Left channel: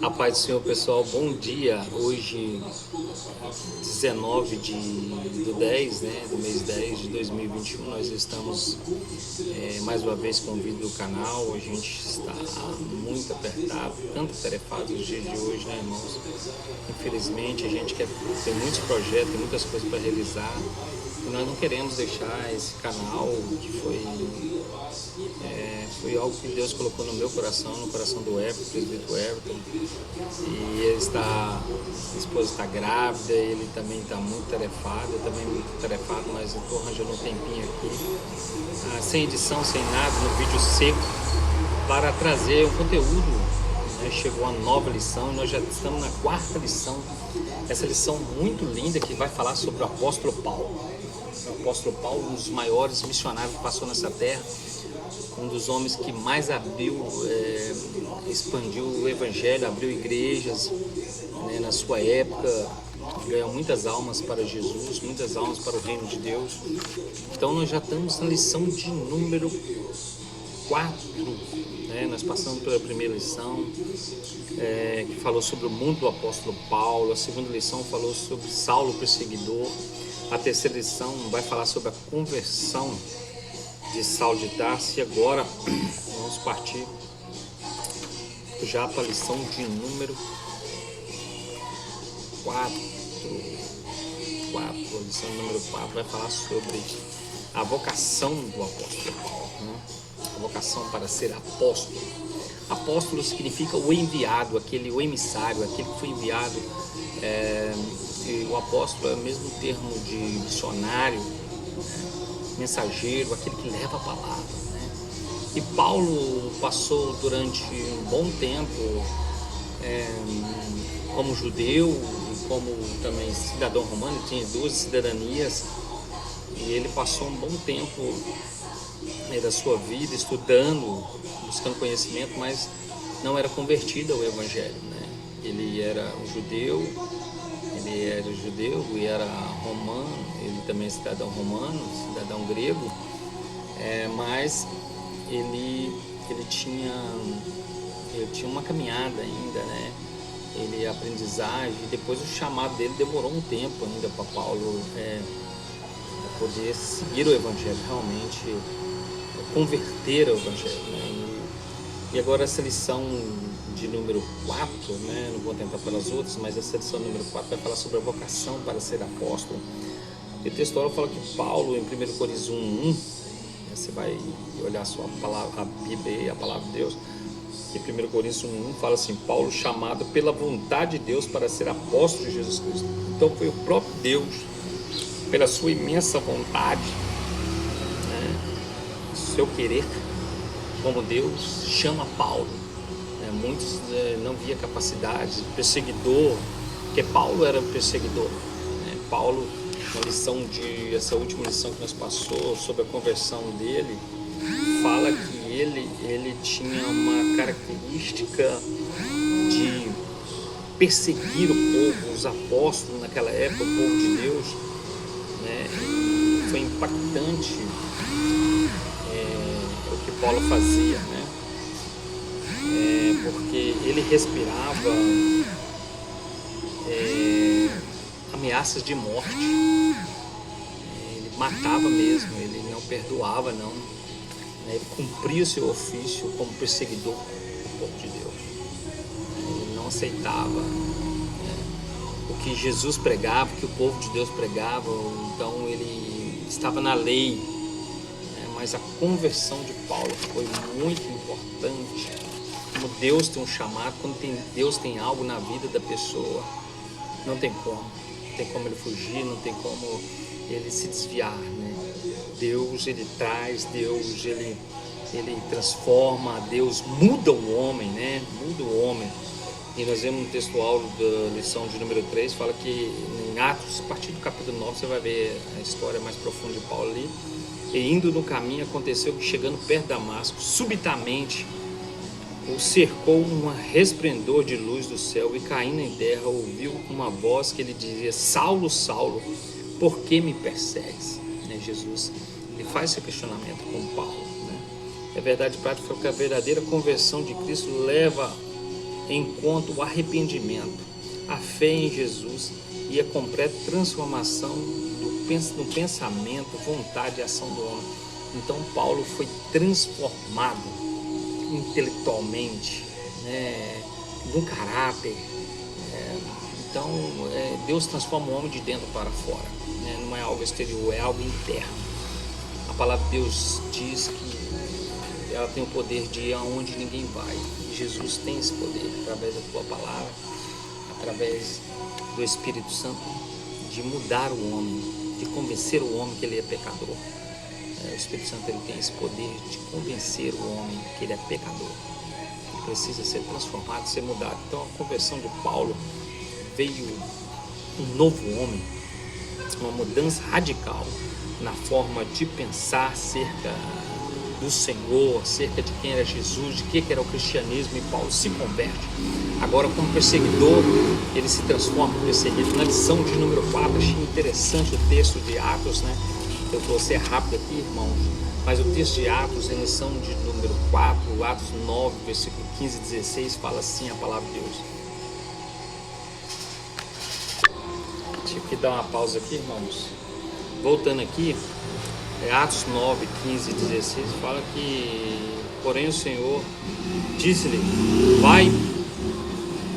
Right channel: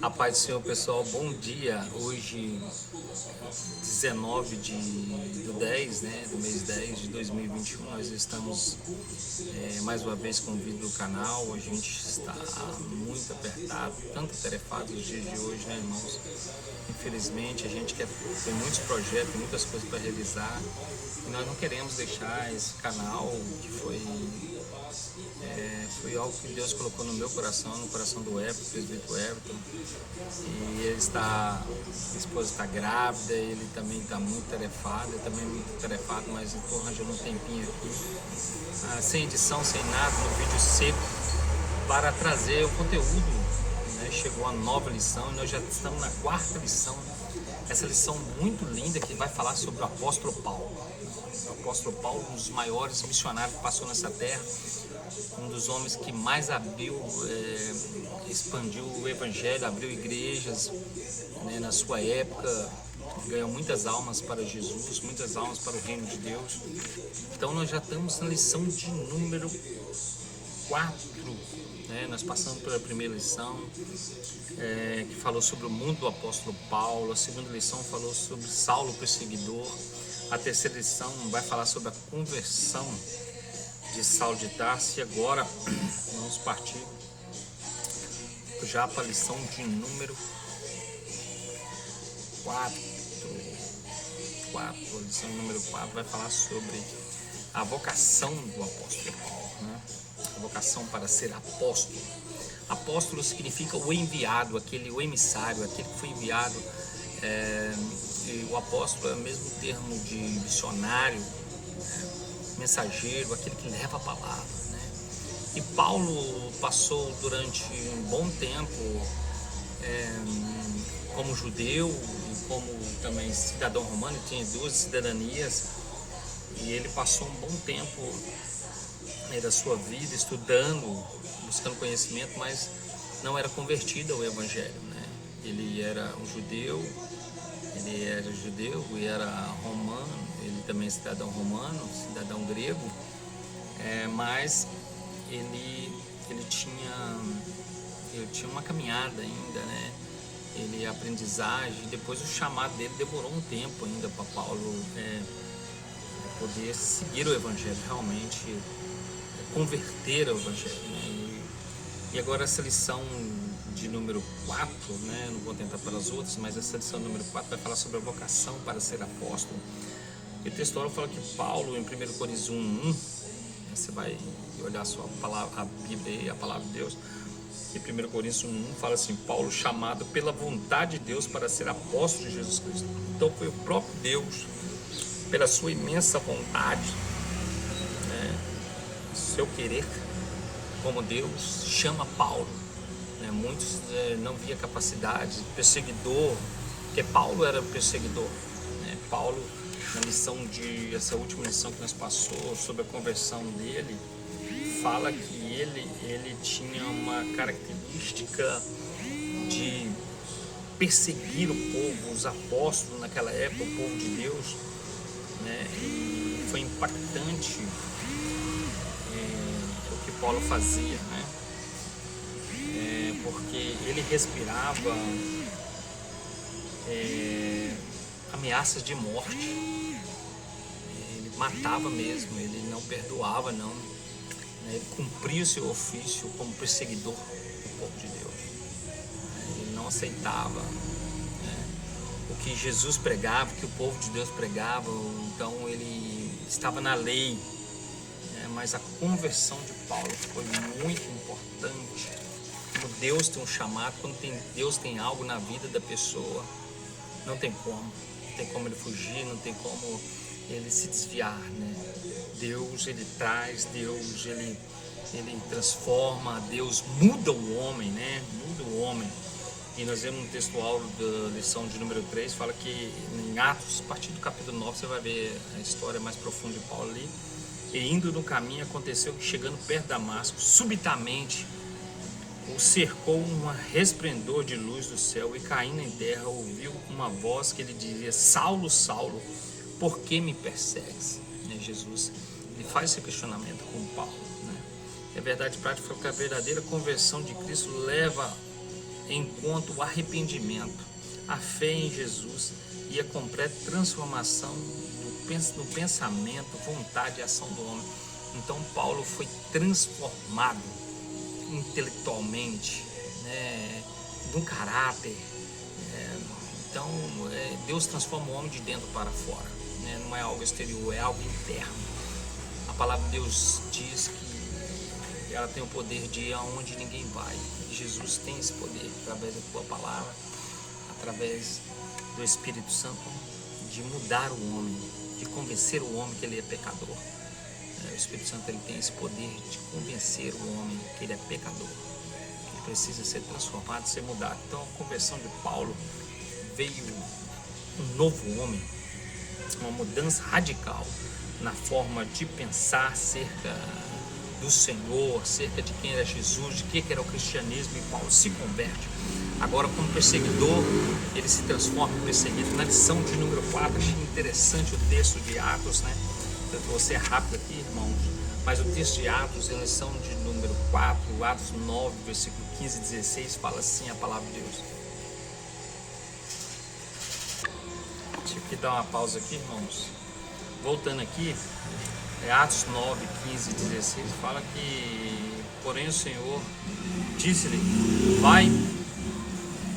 A paz do Senhor, pessoal, bom dia. Hoje, 19 do 10, né, do mês 10 de 2021, nós estamos mais uma vez com o vídeo do canal. A gente está muito apertado, tanto tarefado nos dias de hoje, né, irmãos? Infelizmente, a gente tem muitos projetos, tem muitas coisas para realizar e nós não queremos deixar esse canal que foi algo que Deus colocou no meu coração, no coração do Everton, presbítero Everton. E ele está, a esposa está grávida, ele também está muito tarefado, eu também muito tarefado, mas eu estou arranjando um tempinho aqui, sem edição, sem nada, no vídeo seco, para trazer um conteúdo. Né? Chegou uma nova lição e nós já estamos na 4ª lição. Essa lição muito linda que vai falar sobre o apóstolo Paulo. O apóstolo Paulo, um dos maiores missionários que passou nessa terra, um dos homens que mais expandiu o evangelho, abriu igrejas, né, na sua época, ganhou muitas almas para Jesus, muitas almas para o reino de Deus. Então nós já estamos na lição de número 4, né? Nós passamos pela primeira lição, que falou sobre o mundo do apóstolo Paulo. A segunda lição falou sobre Saulo perseguidor. A terceira lição vai falar sobre a conversão de Saulo de Tarso. E agora vamos partir já para a lição de número 4. A lição número 4 vai falar sobre a vocação do apóstolo Paulo, né? A vocação para ser apóstolo. Apóstolo significa o enviado, o emissário, aquele que foi enviado. E o apóstolo é o mesmo termo de missionário, mensageiro, aquele que leva a palavra, né? E Paulo passou durante um bom tempo como judeu e como também cidadão romano, tinha 2 cidadanias, e ele passou um bom tempo da sua vida estudando, buscando conhecimento, mas não era convertido ao evangelho, né? Ele era um judeu, e era romano, ele também é cidadão romano, cidadão grego, mas ele tinha uma caminhada ainda, né? Ele aprendizagem, e depois o chamado dele demorou um tempo ainda para Paulo poder seguir o evangelho, realmente converter ao evangelho, né? E agora essa lição de número 4, né? Não vou tentar pelas outras, mas essa lição número 4 vai falar sobre a vocação para ser apóstolo. E o texto fala que Paulo, em 1 Coríntios 1:1, você vai olhar a sua palavra, a Bíblia, a palavra de Deus, e 1 Coríntios 1:1 fala assim: Paulo, chamado pela vontade de Deus para ser apóstolo de Jesus Cristo. Então foi o próprio Deus, pela sua imensa vontade, né, seu querer, como Deus chama Paulo. Muitos não via capacidade, perseguidor, porque Paulo era perseguidor, né? Paulo, essa última lição que nós passou sobre a conversão dele, fala que ele tinha uma característica de perseguir o povo, os apóstolos naquela época, o povo de Deus, né? E foi impactante o que Paulo fazia, né? Porque ele respirava ameaças de morte, ele matava mesmo, ele não perdoava não, né? Ele cumpria o seu ofício como perseguidor do povo de Deus, ele não aceitava, né, o que Jesus pregava, o que o povo de Deus pregava. Então ele estava na lei, né? Mas a conversão de Paulo foi muito importante. Como Deus tem um chamado, quando Deus tem algo na vida da pessoa, não tem como ele fugir, não tem como ele se desviar, né? Deus, ele traz, Deus, ele transforma, Deus muda o homem, né? Muda o homem. E nós vemos no textual da lição de número 3, fala que em Atos, a partir do capítulo 9, você vai ver a história mais profunda de Paulo ali. E indo no caminho, aconteceu que, chegando perto de Damasco, subitamente o cercou um resplendor de luz do céu, e caindo em terra ouviu uma voz que lhe dizia: Saulo, Saulo, por que me persegues? Jesus, ele faz esse questionamento com Paulo, né? É verdade prática que a verdadeira conversão de Cristo leva enquanto o arrependimento, a fé em Jesus e a completa transformação no pensamento, vontade e ação do homem. Então Paulo foi transformado intelectualmente, né, no caráter. Então Deus transforma o homem de dentro para fora, né? Não é algo exterior, é algo interno. A palavra de Deus diz que ela tem o poder de ir aonde ninguém vai. E Jesus tem esse poder através da tua palavra, através do Espírito Santo, de mudar o homem, de convencer o homem que ele é pecador. O Espírito Santo ele tem esse poder de convencer o homem que ele é pecador, que precisa ser transformado, ser mudado. Então a conversão de Paulo veio um novo homem, uma mudança radical na forma de pensar acerca do Senhor, acerca de quem era Jesus, de que era o cristianismo, e Paulo se converte. Agora, como perseguidor, ele se transforma em perseguido. Na lição de número 4, achei interessante o texto de Atos, né? Eu vou ser rápido aqui, irmãos, mas o texto de Atos, em lição de número 4, Atos 9, versículo 15 e 16, fala assim a palavra de Deus. Deixa eu dar uma pausa aqui, irmãos. Voltando aqui, Atos 9, 15 e 16, fala que, porém o Senhor disse-lhe, vai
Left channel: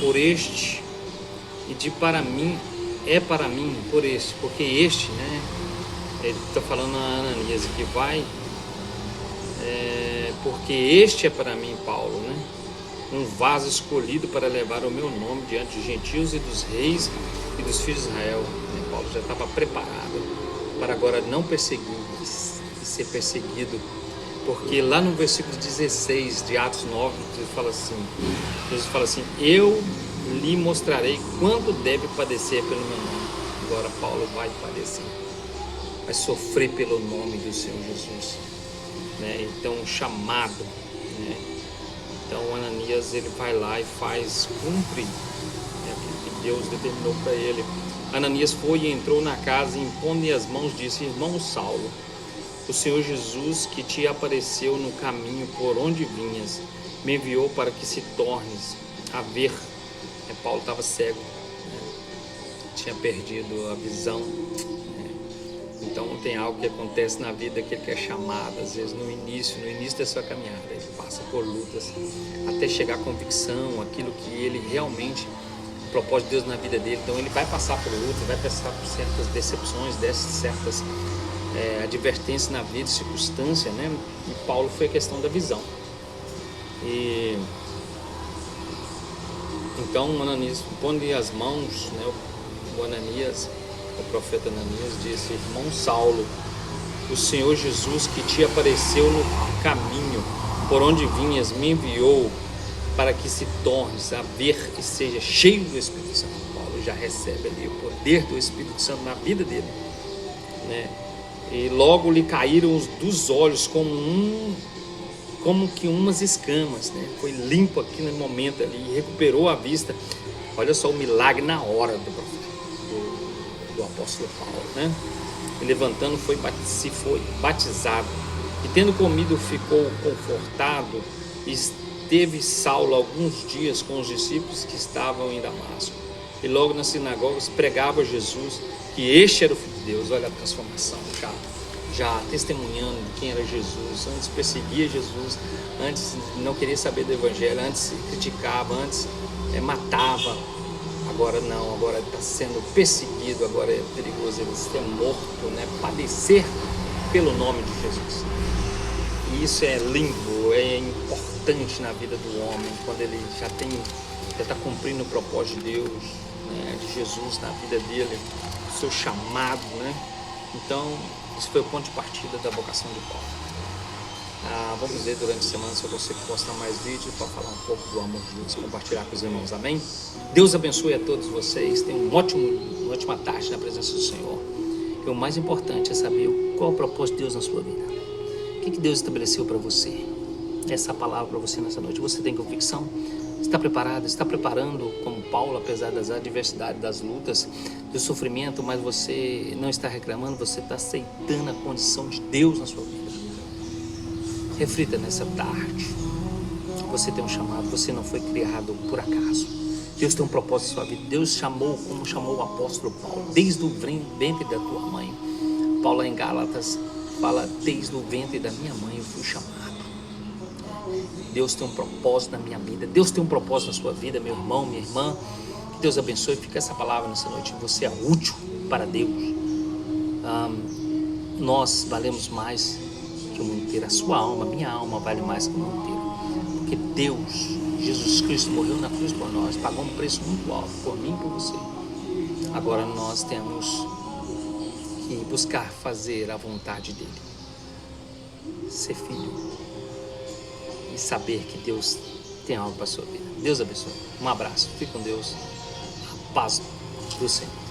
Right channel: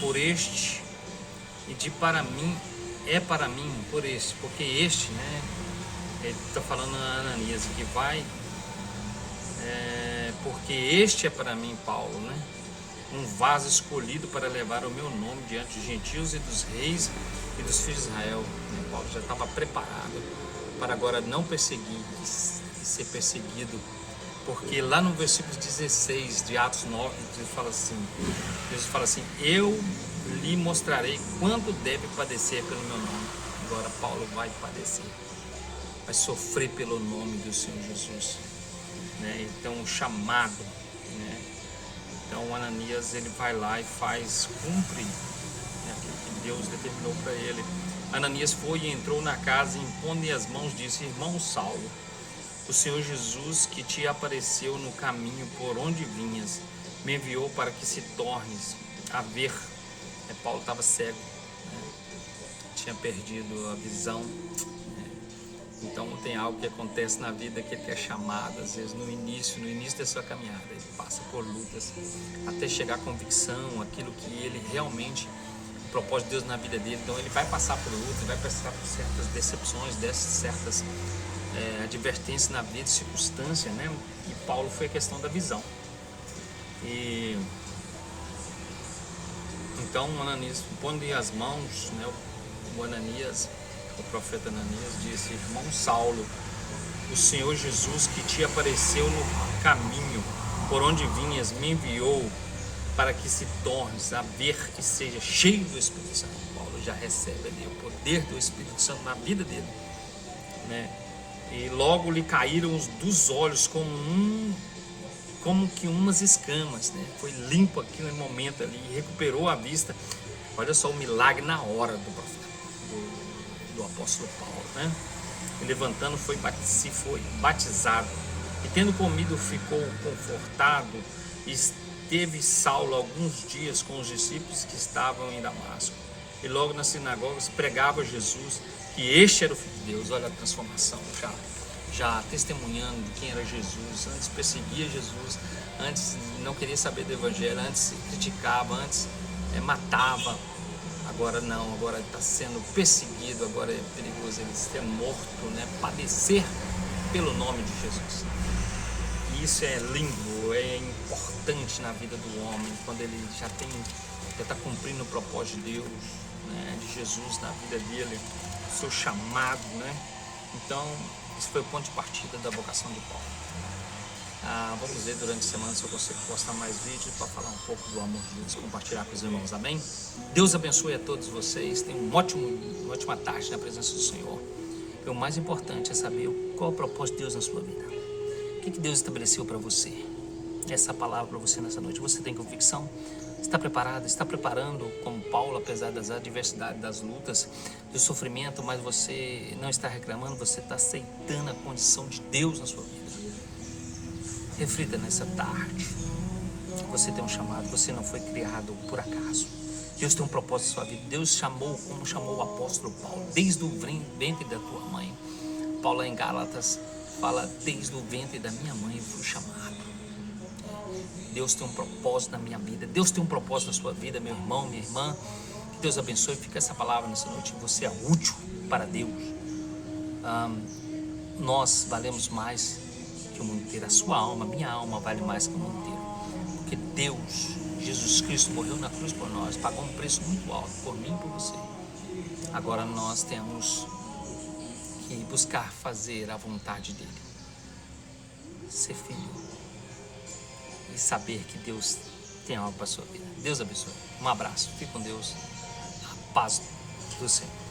por este, e de para mim, é para mim por este, porque este, né, ele está falando a Ananias, que vai, porque este é para mim, Paulo, né, um vaso escolhido para levar o meu nome diante dos gentios e dos reis e dos filhos de Israel. Paulo já estava preparado para agora não perseguir e ser perseguido, porque lá no versículo 16 de Atos 9, Jesus fala assim, eu lhe mostrarei quanto deve padecer pelo meu nome. Agora Paulo vai padecer, vai sofrer pelo nome do Senhor Jesus, né? Então o chamado, né? Então Ananias ele vai lá e cumpre, né, aquilo que Deus determinou para ele. Ananias foi e entrou na casa e impondo-lhe as mãos disse, irmão Saulo, o Senhor Jesus que te apareceu no caminho por onde vinhas, me enviou para que se tornes a ver. Paulo estava cego, né? Tinha perdido a visão, né? Então tem algo que acontece na vida que ele quer chamado, às vezes no início da sua caminhada, ele passa por lutas até chegar à convicção, aquilo que ele realmente, o propósito de Deus na vida dele. Então ele vai passar por luta, vai passar por certas decepções, certas advertências na vida, circunstância, né? E Paulo foi a questão da visão. E então Ananias, pondo-lhe as mãos, né, o profeta Ananias disse, irmão Saulo, o Senhor Jesus que te apareceu no caminho por onde vinhas me enviou para que se tornes a ver e seja cheio do Espírito Santo. Paulo já recebe ali o poder do Espírito Santo na vida dele, né? E logo lhe caíram dos olhos como que umas escamas, né? Foi limpo aqui no momento ali, recuperou a vista. Olha só o milagre na hora do apóstolo Paulo, né? E levantando foi batizado, e tendo comido ficou confortado, e esteve Saulo alguns dias com os discípulos que estavam em Damasco, e logo nas sinagogas pregava Jesus, que este era o Filho de Deus. Olha a transformação, já testemunhando de quem era Jesus. Antes perseguia Jesus, antes não queria saber do Evangelho, antes criticava, antes matava. Agora não, agora está sendo perseguido, agora é perigoso ele ser morto, né? Padecer pelo nome de Jesus. E isso é lindo, é importante na vida do homem, quando ele já está cumprindo o propósito de Deus, né? De Jesus na vida dele, o seu chamado, né? Então, esse foi o ponto de partida da vocação de Paulo. Vamos ver durante a semana se eu consigo postar mais vídeos para falar um pouco do amor de Deus, compartilhar com os irmãos, amém? Deus abençoe a todos vocês, tenham uma ótima tarde na presença do Senhor. E o mais importante é saber qual é o propósito de Deus na sua vida. O que Deus estabeleceu para você? Essa palavra para você nessa noite. Você tem convicção? Está preparado? Está preparando como Paulo, apesar das adversidades, das lutas, do sofrimento, mas você não está reclamando, você está aceitando a condição de Deus na sua vida. Reflita nessa tarde. Você tem um chamado, você não foi criado por acaso. Deus tem um propósito na sua vida. Deus chamou, como chamou o apóstolo Paulo, desde o ventre da tua mãe. Paulo em Gálatas fala, desde o ventre da minha mãe eu fui chamado. Deus tem um propósito na minha vida. Deus tem um propósito na sua vida, meu irmão, minha irmã. Que Deus abençoe. Fica essa palavra nessa noite. Você é útil para Deus. Nós valemos mais que o mundo inteiro. A sua alma, minha alma vale mais que o mundo inteiro. Porque Deus, Jesus Cristo, morreu na cruz por nós, pagou um preço muito alto por mim e por você. Agora nós temos que buscar fazer a vontade dele. Ser filho. E saber que Deus tem algo para a sua vida. Deus abençoe. Um abraço. Fique com Deus. A paz do Senhor.